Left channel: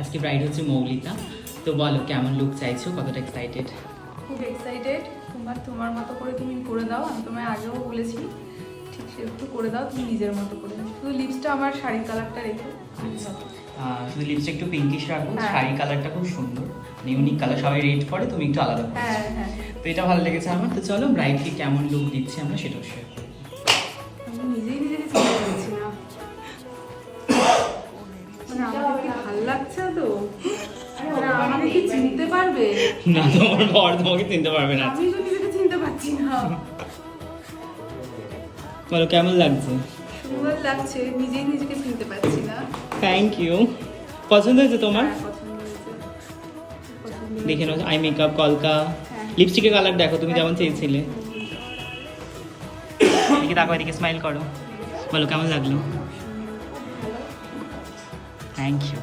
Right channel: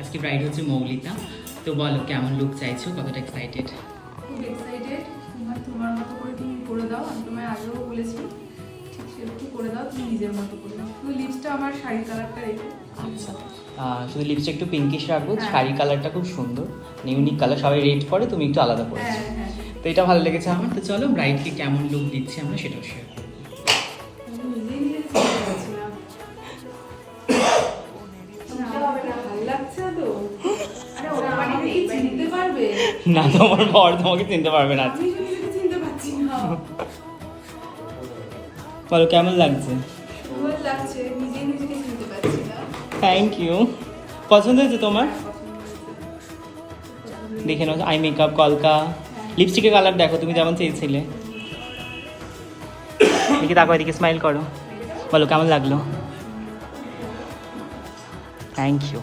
আজকে ব্রাইড হচ্ছে মৌলিতা। তো বলো কেমন লুক চাইছো, কতটা এক্সাইটেড? খুব এক্সাইটেড। তোমার মতো করে তুমি করে দাও, আমি তোমায় আগেও বলেছি ঠিক সেরকম করে দাও, তুমি নিজের মতো করে দাও। শুধু লিপসটা আমার শাড়ির কালারটা রেখো। শুধু লিপস্টিক একটু পিঙ্কিশ রাখবো, হ্যাঁ। শাড়ি কালারটা খুব সুন্দর, ইউনিক কালার, সবাই রেড করে, তুমি একটু আলাদা করে। হ্যাঁ হ্যাঁ, তো এটা ভালো লেগেছে আমার। তো চলো ব্রাইডকে কেমন লুক দিচ্ছি আমরা সেটাও শেয়ার করবো। আমি নিজেই নিজেকে চিনতে পারছি না। আমার কি ভালো লাগছে তো? আরে আমাকে কি চিনতে পারবে? না, তোমার বর তোমাকে চিনতে পারবে না। আমি তো নিজেকে চিনতে পারছি না। বলো কেমন লাগছে? সুন্দর লাগছে, নিজেই নিজেকে চিনতে পারছি না। Thank you. পছন্দ হয়েছে তোমার? হ্যাঁ, পছন্দ হয়েছে। দেখে নাও, আই মেকআপ, কলকা, লিপস্টিকের কালার দেখো তুমি যেমন চেয়েছিলে। দেখি তারপর এদিকে স্মাইল করো, বলো কেমন লাগলো? Thank you.